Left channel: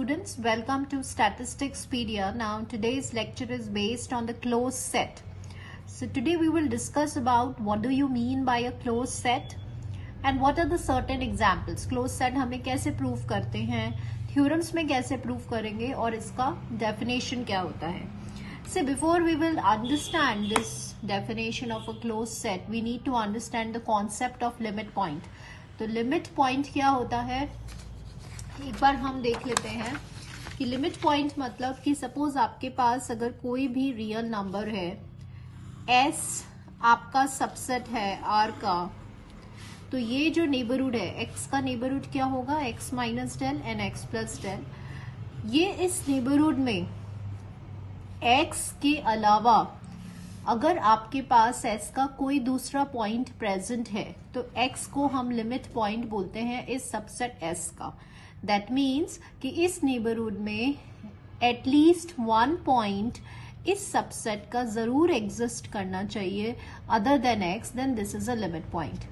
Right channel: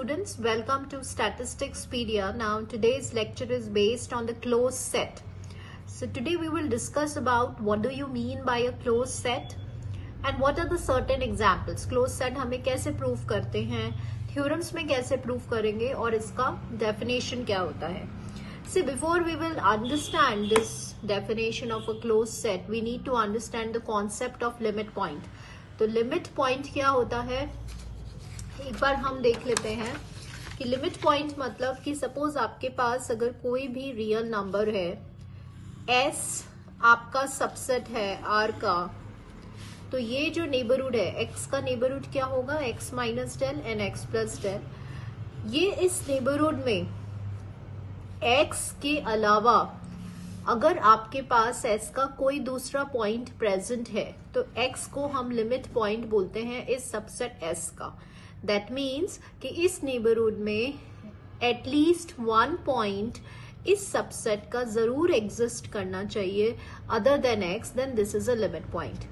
students, welcome to Statisticspedia. Now today's lecture is based on the closed set. So today we will discuss about what do you mean by a closed set and what are the certain examples. Closed set हमें कैसे prove करते हैं, theorems में कैसे prove करेंगे और इसका definition क्या होता है. So before we will understand this definition of a closed set, we need to understand the concept of limit point. तो limit point क्या होता है, एक बार हम देख लेते हैं कि लिमिट पॉइंट मतलब कि सपोज आपके पास अगर कोई भी रियल नंबर है, s आपका सबसेट है r का, तो ये जो नेबरहुड है x का नेबरहुड क्या होगा, x minus del and x plus del. ये इस नेबरहुड में x के अलावा अगर आपके पास s का कोई दूसरा पॉइंट प्रेजेंट है तो x को हम लिमिट पॉइंट बोलते हैं इस सबसेट s का. दैट मीन्स कि इस नेबरहुड में एटलीस्ट वन पॉइंट इस सबसेट का जरूर एग्जिस्ट करना चाहिए other than x, then this is a limit point.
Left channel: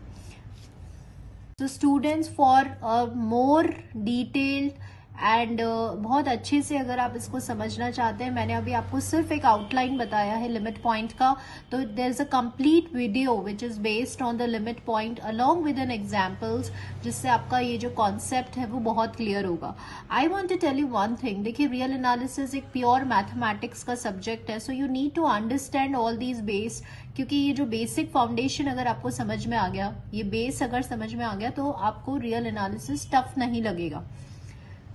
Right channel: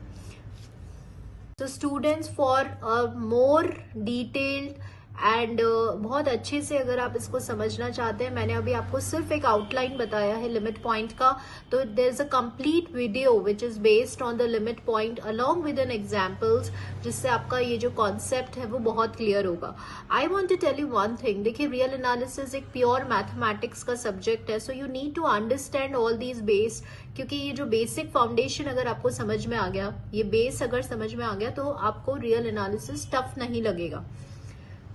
तो students, for more detailed and बहुत अच्छे से अगर आप इसको समझना चाहते हैं, मैंने अभी आपको सिर्फ एक आउटलाइन बताया है लिमिट पॉइंट का, तो there is a complete video which is based on the limit point along with an examples, जिससे आपका ये जो कॉन्सेप्ट है वो बहुत क्लियर होगा. I want to tell you one thing. देखिए, रियल एनालिसिस एक प्योर मैथमेटिक्स का सब्जेक्ट है, so you need to understand all these base, क्योंकि ये जो बेसिक फाउंडेशन अगर आपको समझ में आ गया, ये बेस अगर समझ में आ गया, तो आपको रियल एनालिसिस टफ नहीं लगेगा.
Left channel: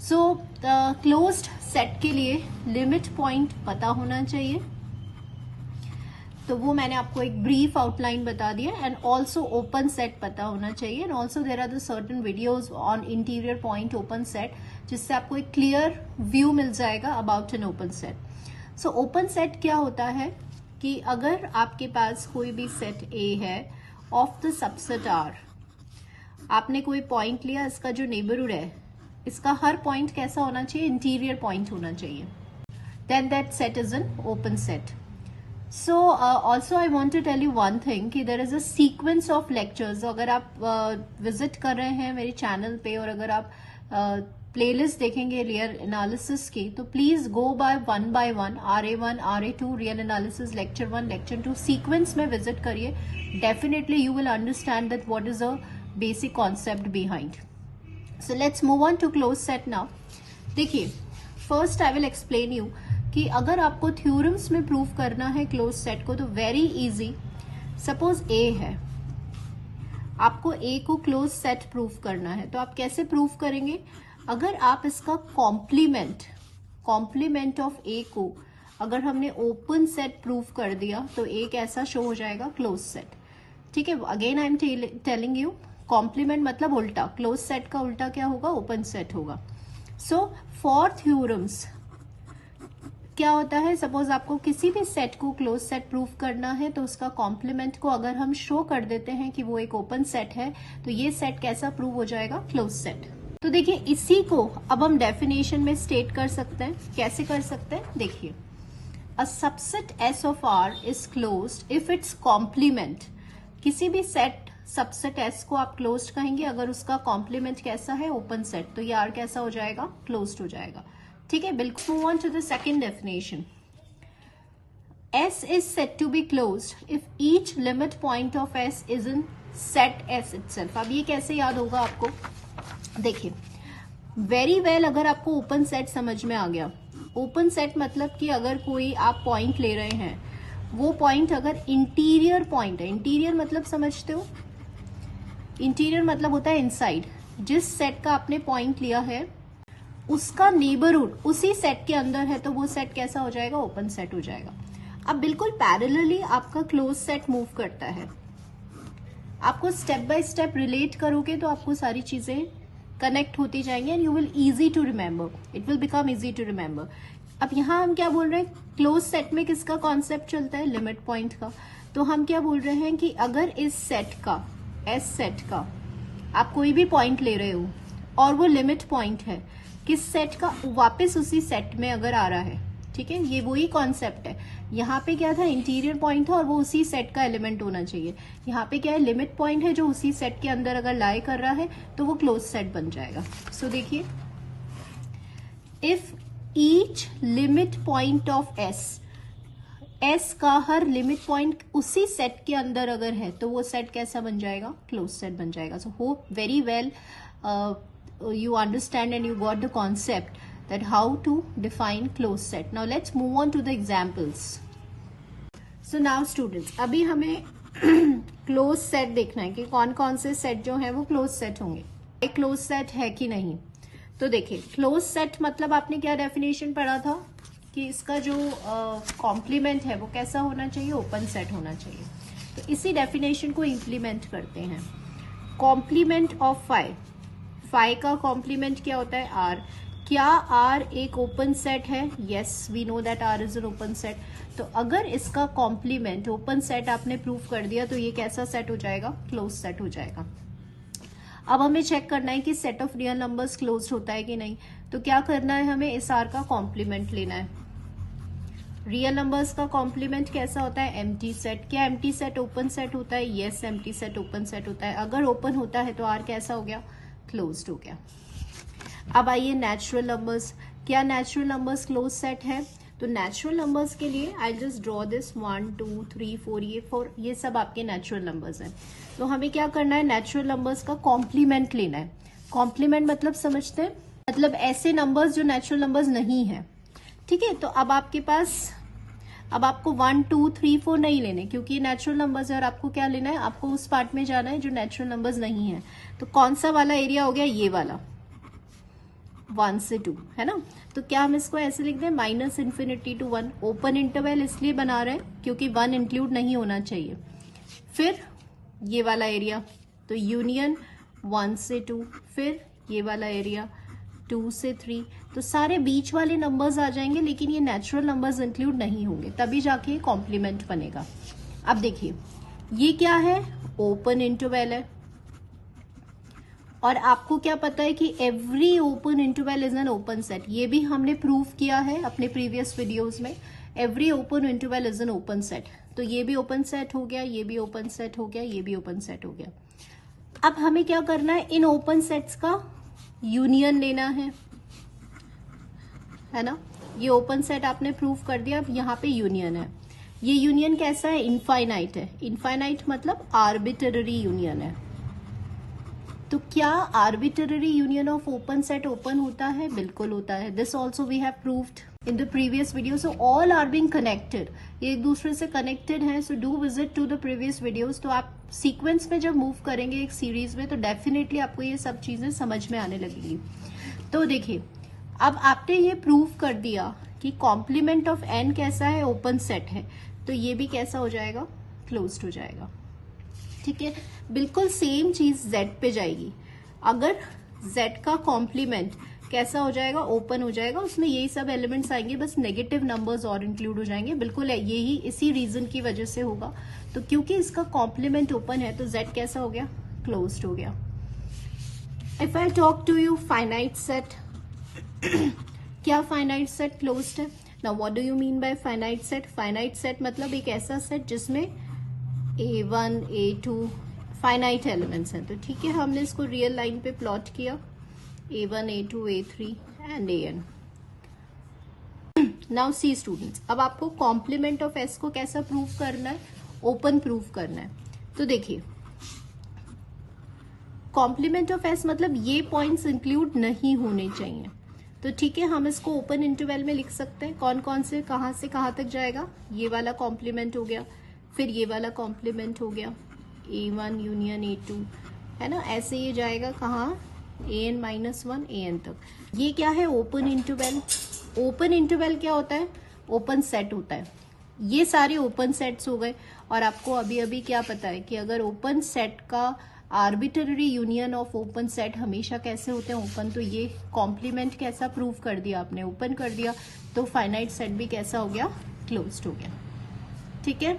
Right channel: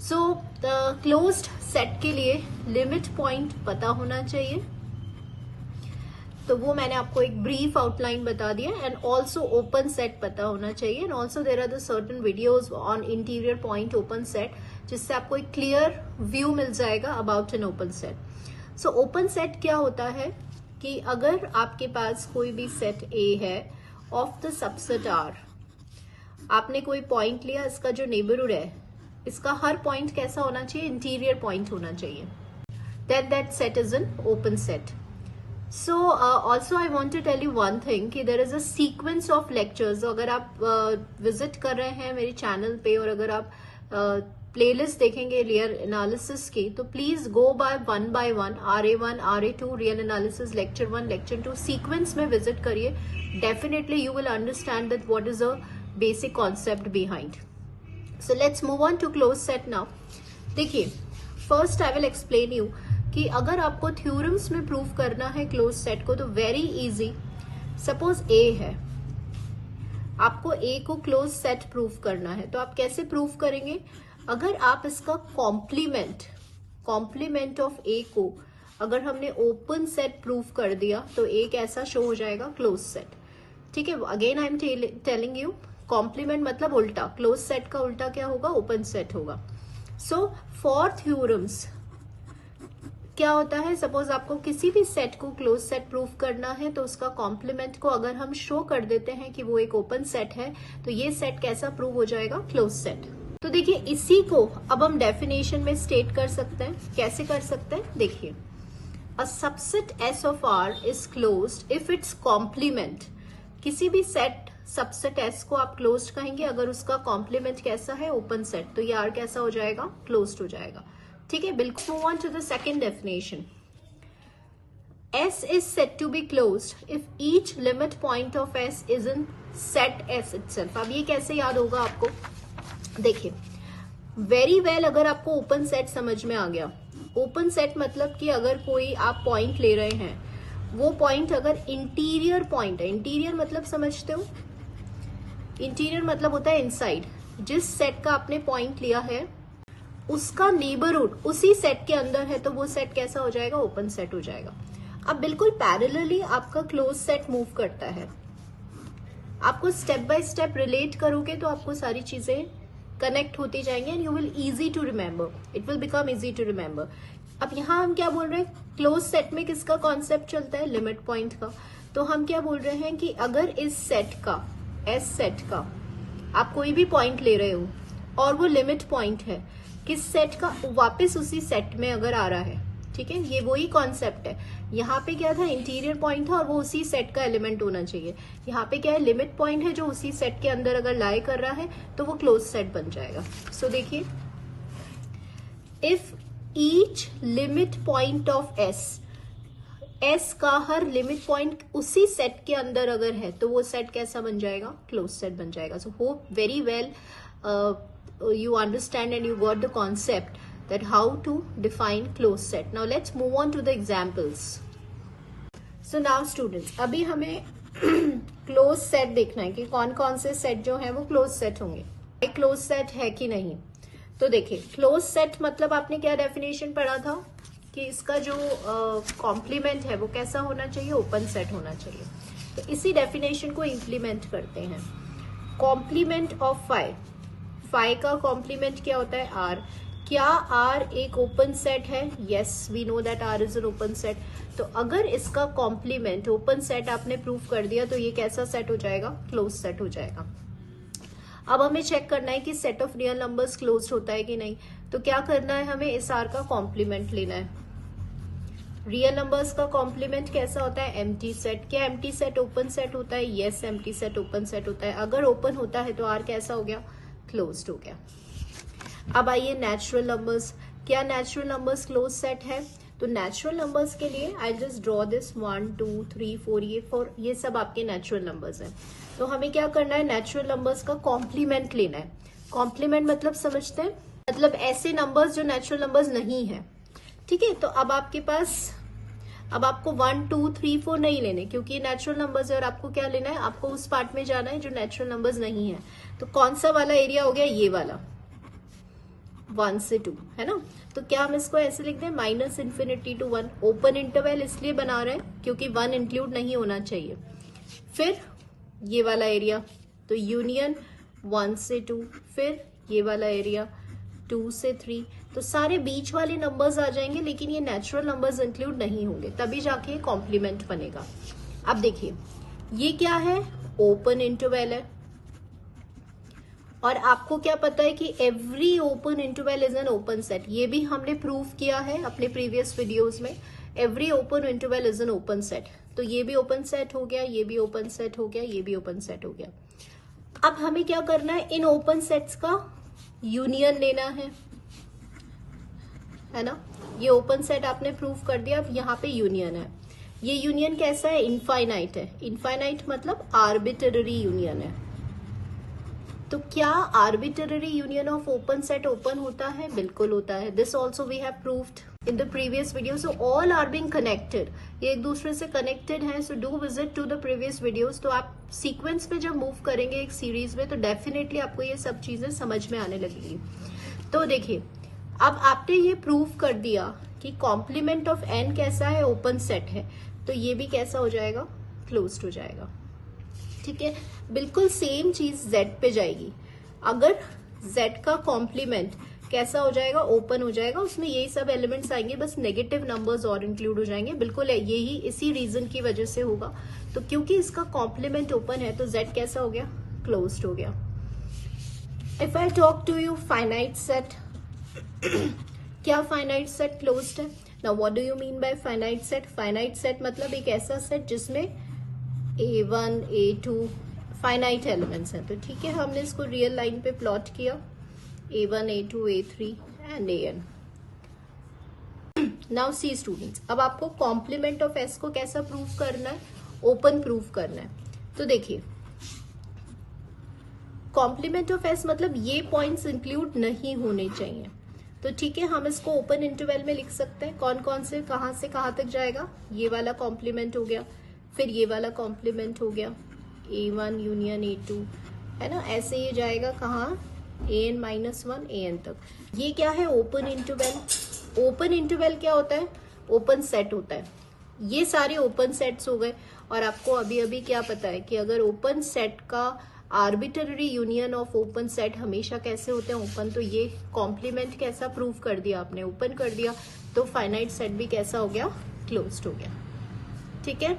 सो क्लोज्ड सेट के लिए लिमिट पॉइंट पता होना चाहिए, तो वो मैंने आपको एक ब्रीफ आउटलाइन बता दिया. एंड ऑल्सो ओपन सेट पता होना चाहिए. And also there are the certain videos on interior point open set, जिससे आपको एक क्लियर व्यू मिल जाएगा about an open set. So open set क्या होता है कि अगर आपके पास कोई भी सेट ए है ऑफ द सबसेट आर, आपने कोई पॉइंट लिया, इसका जो नेबरहुड है इसका हर पॉइंट कैसा होना चाहिए, इंटीरियर पॉइंट होना चाहिए, then that set is an open set. So also I want to tell you one thing कि there is a sequence of lectures. अगर आप विजिट कर रहे हैं मेरे चैनल पे और अगर आप प्लेलिस्ट देखेंगे रियल एनालिसिस की, तो please go by one, RA1, RA2, real analysis lecture 1, lecture 2 sequence में विजिट करिए. Definitely you will understand that what is a basic concept behind. So let's move on to closed set now. देखिए, first I will explain you कि अगर आपको theorems में prove करना है closed set को, तो very easy. Suppose A है, आपको A को closed set prove करना है, तो आप कैसे prove करेंगे? अगर आप इसका complement of A को अगर हमने open set prove कर दिया, तो A कैसा show हो जाएगा, closed set. ठीक है, again I am telling you, complement मतलब उल्टा, क्लोज सेट का उल्टा क्या होगा, ओपन सेट होगा. सो फॉर थ्योरम्स क्या होता है, सपोज आपको किसी भी सेट को क्लोज सेट प्रूव करना है, तो उसका कॉम्प्लीमेंट को अगर हम शो कर देते हैं कि वो एक ओपन सेट है, तो ये सेट कैसा प्रूव हो जाएगा, क्लोज सेट. तो देखिए, इसी को अब हम डेफिनेशन में स्टेट कर सकते हैं. कैसे कर सकते हैं, देखिए, a subset S of R is closed if it's complement, किसी भी सेट सबसेट एस को आप क्लोज्ड कहेंगे अगर उसका कॉम्प्लीमेंट कैसा है, ओपन सेट, तो ये आर कैसा हो जाएगा, क्लोज्ड हो जाएगा. ठीक है, बिल्कुल. Move on to the second definition. S is set to be closed if each limit point of S is in set S itself. अब ये कैसे याद होगा आपको, देखिए, वेरी वेल, अगर आपको ओपन सेट समझ में आ गया. ओपन सेट मतलब कि अगर कोई आप पॉइंट ले रहे हैं, वो पॉइंट अगर इंटीरियर पॉइंट है, इंटीरियर मतलब समझते हो, इंटीरियर मतलब होता है इनसाइड. जिस सेट का आपने पॉइंट लिया है उसका नेबरहुड उसी सेट के अंदर है, तो वो सेट कैसा हो जाएगा, ओपन सेट हो जाएगा. अब बिल्कुल पैरेलली आपका क्लोज सेट मूव करता है. आपको स्टेप बाय स्टेप रिलेट करोगे तो आपको सारी चीजें कनेक्ट होती जाएंगी and you will easy to remember, it will become easy to remember. अब यहाँ हम क्या बोल रहे हैं, क्लोज सेट में किसका कॉन्सेप्ट चलता है, लिमिट पॉइंट का. तो हम क्या बोल रहे हैं कि अगर इस सेट का, एस सेट का, आप कोई भी पॉइंट ले रहे हो और वो लिमिट पॉइंट है किस सेट का, वापस उसी सेट में अगर आ रहा है, ठीक है, ये वही कॉन्सेप्ट है. यहाँ पे क्या था, इंटीरियर पॉइंट था और वो उसी सेट का एलिमेंट होना चाहिए. यहाँ पे क्या है, लिमिट पॉइंट है जो उसी सेट के अंदर अगर लाई कर रहा है, तो वो क्लोज सेट बन जाएगा. सो देखिए, if each limit point of S का हर लिमिट पॉइंट उसी सेट के अंदर अगर है तो वो सेट कैसा बन जाएगा, क्लोज सेट बन जाएगा. So hope very well you understand and you got the concept that how to define closed set. Now let's move on to the examples. So now students, अभी हमें क्लोज सेट देखना है कि कौन कौन से सेट जो है वो क्लोज सेट होंगे, एक क्लोज सेट है कि नहीं. तो देखिए, क्लोज सेट मतलब आपने क्या डेफिनेशन पढ़ा था कि इसका जो कॉम्प्लीमेंट है वो कैसा होना चाहिए, ओपन सेट होना चाहिए. तो इसी डेफिनेशन को इम्प्लीमेंट करते हैं. कॉम्प्लीमेंट ऑफ फाइव का कॉम्प्लीमेंट क्या होता है, आर. क्या आर एक ओपन सेट है? Yes, we know that R is an open set. तो अगर इसका कॉम्प्लीमेंट ओपन सेट आपने प्रूव कर दिया तो ये कैसा सेट हो जाएगा, क्लोज सेट हो जाएगा. अब हमें चेक करना है कि set of real numbers close होता है कि नहीं. तो क्या करना है, हमें इस आर का कॉम्प्लीमेंट लेना है. रियल नंबर्स का कॉम्प्लीमेंट कैसा होता है, एम्प्टी सेट. क्या एम्प्टी सेट ओपन सेट होता है? Yes, empty set open set होता है. अगर ओपन होता है तो आर कैसा हो गया, क्लोज्ड हो गया. अब आइए नेचुरल नंबर्स. क्या नेचुरल नंबर्स क्लोज सेट है? तो नेचुरल नंबर्स के लिए आई जस्ट ड्रॉ दिस 1 2 3 4 ये सब आपके नेचुरल नंबर्स हैं. तो हमें क्या करना है, नेचुरल नंबर्स का कॉम्प्लीमेंट लेना है. कॉम्प्लीमेंट मतलब समझते हैं, मतलब ऐसे नंबर्स जो नेचुरल नंबर्स नहीं है. ठीक है, तो अब आपके पास, अब आपको 1 2 3 4 नहीं लेने क्योंकि ये नेचुरल नंबर्स है. और आपको क्या लेना है, आपको उस पार्ट में जाना है जो नेचुरल नंबर्स नहीं है. तो कौन सा वाला एरिया हो गया, ये वाला 1 से 2, है ना. तो क्या हम इसको ऐसे लिख दें, minus infinity to 1. Open interval इसलिए बना रहे हैं क्योंकि 1 इंक्लूड नहीं होना चाहिए. फिर ये वाला एरिया, तो यूनियन 1 से 2. फिर ये वाला एरिया 2 से 3. तो सारे बीच वाले नंबर्स आ जाएंगे लेकिन ये नेचुरल नंबर्स इंक्लूड नहीं होंगे, तभी जाके कॉम्प्लीमेंट बनेगा. अब देखिए, ये क्या है, ओपन इंटरवल है. और आपको क्या पता है कि every open interval is an open set. ये भी हमने प्रूव किया है अपने प्रीवियस वीडियोस में. Every open interval is an open set. तो ये भी ओपन सेट हो गया, ये भी ओपन सेट हो गया, ये भी ओपन सेट हो गया. अब हमें क्या करना है, इन ओपन सेट्स का यूनियन लेना है ना. ये ओपन सेट आपने प्रूव कर दिया, अब यहाँ पे यूनियन है. ये यूनियन कैसा है, इनफाइनाइट है. इनफाइनाइट मतलब आर्बिट्ररी यूनियन है. तो क्या arbitrary union of open set open होता है? बिल्कुल होता है. This also we have proved in the previous video. So all are being connected, ये एक दूसरे से कनेक्टेड हैं. So do visit to the previous videos. तो आप सीक्वेंस में जब मूव करेंगे एक सीरीज में तो डेफिनेटली आपको ये सब चीजें समझ में आने लगेगी. तो देखिए, अब आपने ये प्रूव कर दिया कि कॉम्प्लीमेंट ऑफ एन कैसा है, ओपन सेट है. तो ये भी कैसा हो जाएगा, क्लोज्ड हो जाएगा. ठीक है, बिल्कुल सेम चीज Z पे जाएगी. अगर Z का कॉम्प्लीमेंट कैसा हो जाएगा, ओपन हो जाएगा, उसमें यही सब एलिमेंट्स आएंगे, बस नेगेटिव नंबर्स और इंक्लूड हो जाएंगे. बिल्कुल यही इसी रीजन की वजह से होगा. तो क्योंकि इसका कॉम्प्लीमेंट ओपन है तो Z कैसा हो गया, क्लोज्ड हो गया. If I talk to you finite set, क्या फाइनाइट सेट क्लोज्ड है? Now what do you mean by finite set? Finite set मतलब एक ऐसा सेट जिसमें A1 A2 फाइनाइट एलिमेंट्स हैं. तो ठीक है, हमने इसको रियल लाइन पे प्लॉट किया, A1 A2 A3 and AN. Now see students, अब आपको कॉम्प्लीमेंट ऑफ S को कैसा प्रूव करना है, ओपन प्रूव करना है. तो देखिए, कॉम्प्लीमेंट ऑफ S मतलब ये पॉइंट्स इंक्लूड नहीं होने चाहिए. तो ठीक है, हम इसको ओपन इंटरवल में लिख सकते हैं. कौन कौन से कहाँ तक जाएगा, ये वाला कॉम्प्लीमेंट हो गया, फिर ये वाला कॉम्प्लीमेंट हो गया, A1 यूनियन A2, है ना. ऐसे ये जाएगा कहाँ, AN-1 AN तक. ये क्या है, ओपन इंटरवल. ओपन इंटरवल क्या होता है, ओपन सेट होता है. ये सारे ओपन सेट्स हो गए. और आपको अभी अभी क्या पता है कि अगर ओपन सेट का arbitrary union of open set हमेशा कैसे होते हैं, ओपन. तो ये कॉम्प्लीमेंट कैसा प्रूव कर दिया आपने, ओपन कर दिया. तो फाइनाइट सेट भी कैसा हो गया, क्लोज्ड हो गया. ठीक है.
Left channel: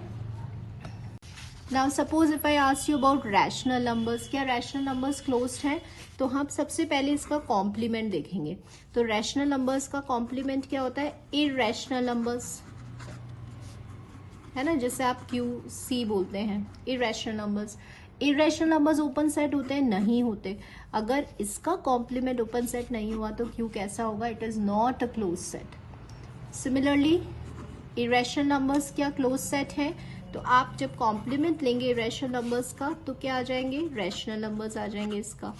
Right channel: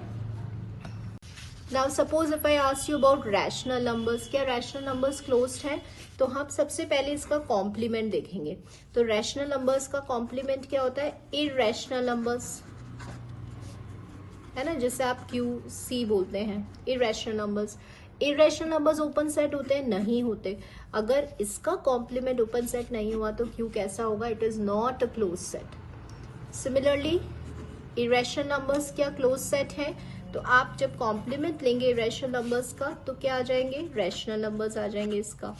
Now suppose if I ask you about rational numbers, क्या रैशनल नंबर्स क्लोज्ड हैं? तो हम सबसे पहले इसका कॉम्प्लीमेंट देखेंगे. तो रैशनल नंबर्स का कॉम्प्लीमेंट क्या होता है, इरैशनल नंबर्स, है ना, जिसे आप QC बोलते हैं, irrational numbers. Irrational numbers open set होते हैं? नहीं होते. अगर इसका कॉम्प्लीमेंट ओपन सेट नहीं हुआ तो क्यू कैसा होगा? It is not a close set. Similarly irrational numbers क्या क्लोज सेट है? तो आप जब कॉम्प्लीमेंट लेंगे इरेशनल नंबर्स का तो क्या आ जाएंगे? रैशनल नंबर्स आ जाएंगे इसका,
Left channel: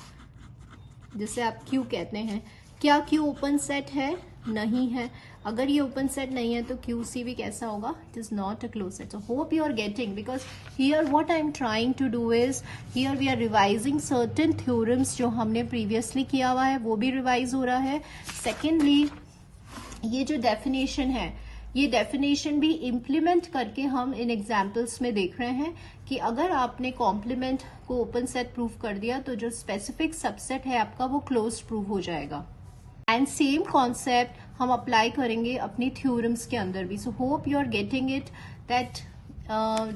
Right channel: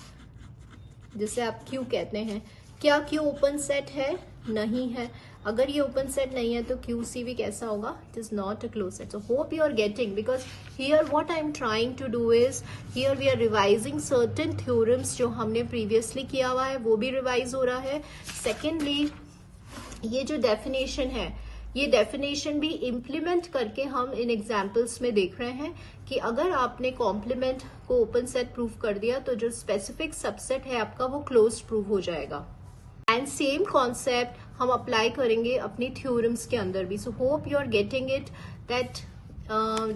जिसे आप क्यू कहते हैं. क्या क्यू ओपन सेट है? नहीं है. अगर ये ओपन सेट नहीं है तो क्यू सी भी कैसा होगा? It is not a close set. So hope you are getting, because here what I am trying to do is, here we are revising certain theorems जो हमने प्रीवियसली किया हुआ है, वो भी रिवाइज हो रहा है. सेकेंडली ये जो डेफिनेशन है, ये डेफिनेशन भी इम्प्लीमेंट करके हम इन एग्जाम्पल्स में देख रहे हैं कि अगर आपने कॉम्प्लीमेंट को ओपन सेट प्रूव कर दिया तो जो स्पेसिफिक सबसेट है आपका वो क्लोज प्रूव हो जाएगा. एंड सेम कॉन्सेप्ट हम अप्लाई करेंगे अपनी थ्योरम्स के अंदर भी. So hope you are getting it. That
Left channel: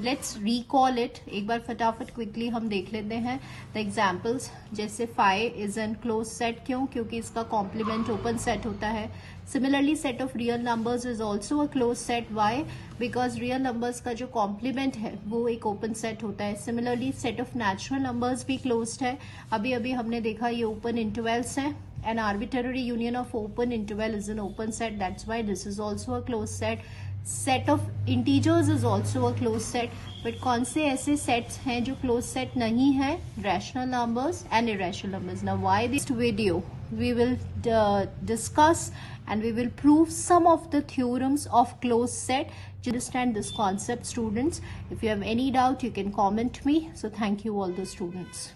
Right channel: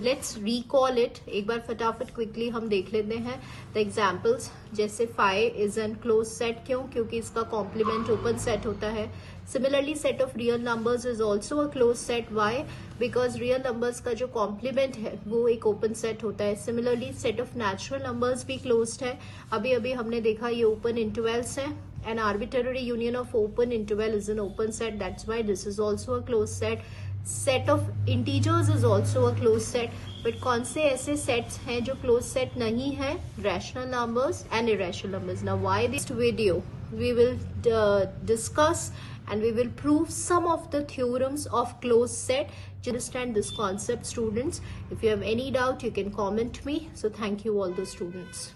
let's recall it. एक बार फटाफट क्विकली हम देख लेते हैं द एग्जाम्पल्स. जैसे 5 इज एन क्लोज सेट. क्यों? क्योंकि इसका कॉम्प्लीमेंट ओपन सेट होता है. Similarly set of real numbers is also a close set. Why? Because real numbers का जो कॉम्प्लीमेंट है वो एक ओपन सेट होता है. Similarly set of natural numbers भी क्लोज्ड है. अभी अभी हमने देखा ये ओपन इंटरवल्स हैं. An arbitrary union of open interval is an open set. That's why this is also a closed set. Set of integers is also a closed set. But कौन से ऐसे sets हैं जो closed set नहीं है? Rational numbers and irrational numbers. Now why this video? We will discuss and we will prove some of the theorems of closed set. To understand this concept, students, if you have any doubt, you can comment me. So thank you all the students.